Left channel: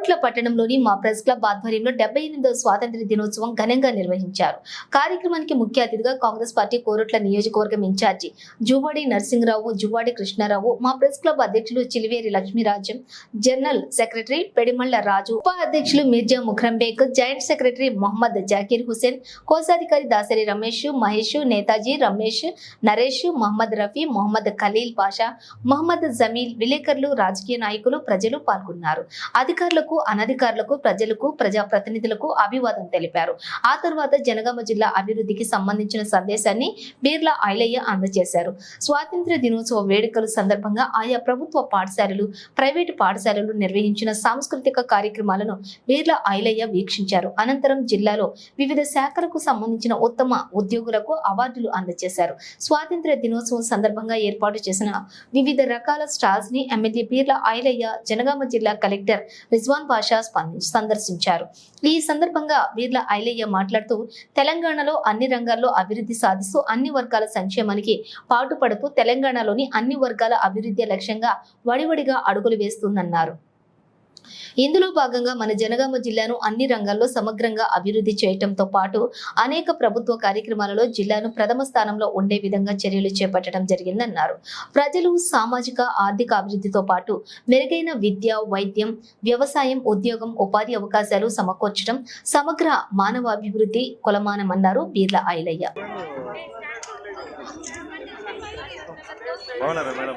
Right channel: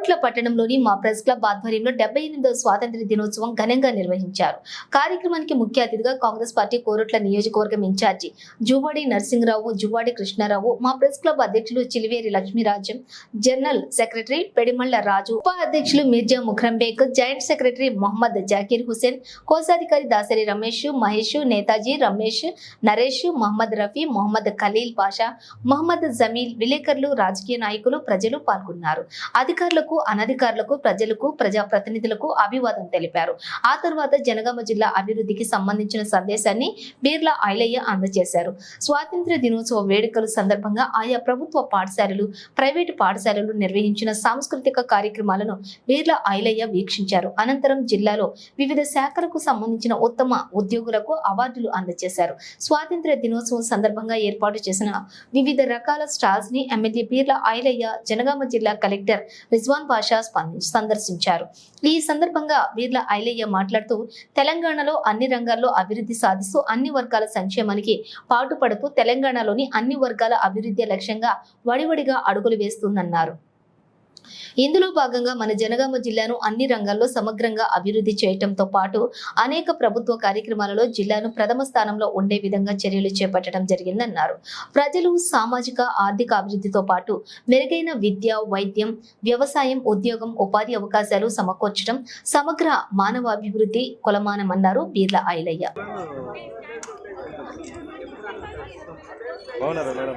కోరుట్ల పట్టణంలోని మా press club ఆధ్వర్యంలో డెబ్బై ఎనిమిదవ స్వాతంత్ర దినోత్సవం ఘనంగా నిర్వహించారు. కార్యక్రమానికి ముఖ్య అతిథిగా కాంగ్రెస్ పార్టీ కోరుట్ల నియోజకవర్గం ఇన్ఛార్జి జువాడి నరసింహరావు జువాడి కృష్ణారావు మా ప్రెస్ క్లబ్ అధ్యక్షులు చిలివేరి లక్ష్మీరాజ్యం జనరల్ సెక్రటరీ పెడిమళ్ళ రాజు ఉపాధ్యక్షులు మిర్జా ముఖ్రంబేక్ జాయింట్ సెక్రటరీ మొహమ్మద్ జాకీర్ హుసేన్ కోశాధికారి దాసరి రమేష్ మహేష్ నేతాజీ రమేష్ నరేష్ మహమ్మద్ రఫీ మొహమ్మద్ ఖలీల్ పాషా మహమ్మద్ జమీల్ విలేకరులు రాజకీయ నాయకులు ప్రజలు పాల్గొన్నారు. అధికారులకు అనధికారులకు ప్రజలకు ప్రజాప్రతినిధులకు అభివాదం తెలిపారు. ఆ తర్వాత జనగామ జిల్లా అభివృద్ధికి సంబంధించిన సందేశాన్ని బీర్లా ఐలయ్య అందజేశారు. స్వాతంత్ర్య దినోత్సవ వేడుకల సందర్భంగా ఆయా ప్రభుత్వ పాఠశాలలు ప్రైవేటు పాఠశాలలు నిర్వహించిన సాంస్కృతిక కార్యక్రమాలను బీర్లా ఐలయ్య వీక్షించారు. అనంతరం జిల్లాలో వివిధ శాఖలకు సంబంధించిన ఉత్తమ ఉద్యోగులకు అవార్డులు అందజేశారు. స్వాతంత్ర్య దినోత్సవం సందర్భంగా ఏర్పాటు చేసిన వివిధ రకాల స్టాల్స్ని ఎమ్మెల్యే బీర్ల ఐలయ్య జనగామ జిల్లా కలెక్టర్ రిజ్వాన్ పాషా బాషా సందర్శించారు. ఈ సందర్భంగా వీర్ల ఐలయ్య మాట్లాడుతూ తెలంగాణలో అన్ని రంగాల్లో అభివృద్ధి సాధిస్తూ అన్ని వర్గాల సంక్షేమానికి పాటుపడుతూ తెలంగాణలోని అన్ని వర్గాల అభివృద్ధి లక్ష్యంగా వడివడిగా అడుగులు వేస్తుందన్నారు. ఇందులో భాగంగా మన జనగామ జిల్లాను అన్ని రంగాల్లో సమగ్రంగా అభివృద్ధి చేయటంతో పాటు అనేక ప్రభుత్వ కార్యక్రమాలలో జిల్లాను ప్రథమ స్థానంలో ఉండే విధంగా చర్యలు చేపట్టడం జరిగిందన్నారు. ప్రజలు సామాజిక ఆర్థిక అభివృద్ధితో పాటు మెరుగైన విద్య వైద్యం వ్యవసాయం ఉద్యోగం ఉపాధి అవకాశాలు సమకూర్చడం సమగ్ర మానవాభివృద్ధి కొలమానమన్నారు బీర్ల ఐలయ్య. మేడం?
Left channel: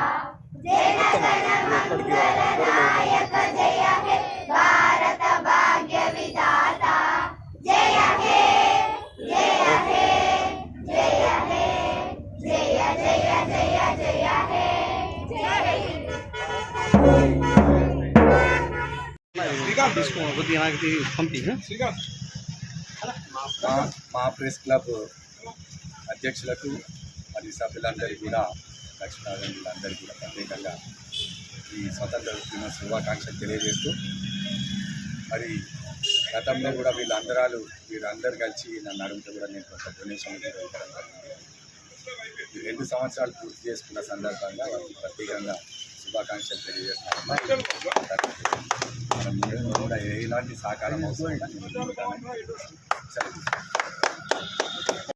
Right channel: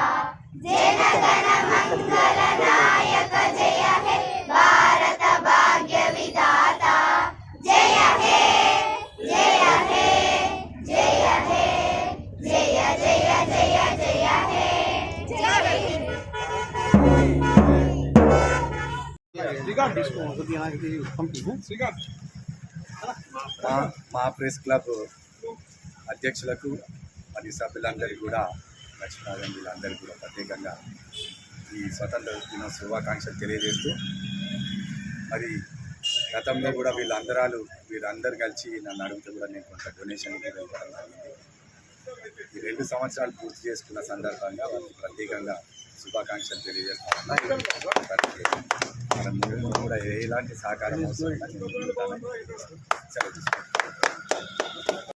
మా మా ప్రెస్ క్లబ్ అధ్యక్షులకు మరియు సభ్యులందరికీ కూడా లక్ష్మీనారాయణ వీళ్ళందరికీ కూడా ప్రత్యేకంగా ఈ స్వతంత్ర దినోత్సవ శుభాకాంక్షలు తెలియజేస్తూ మరి గతంలో కూడా వీళ్ళందరాలు వీరందరూ కలిసి నన్ను అడిగితే కూడా నేను కొంత డొనేషన్ కూడా ఇవ్వడం జరిగింది. ఈ రెండు సంవత్సరాలు పూర్తి చేసుకున్న సందర్భంగా వారికి ప్రత్యేకంగా శుభాకాంక్షలు తెలియజేస్తాను కూడా ఎలాంటి సహకారం అవసరం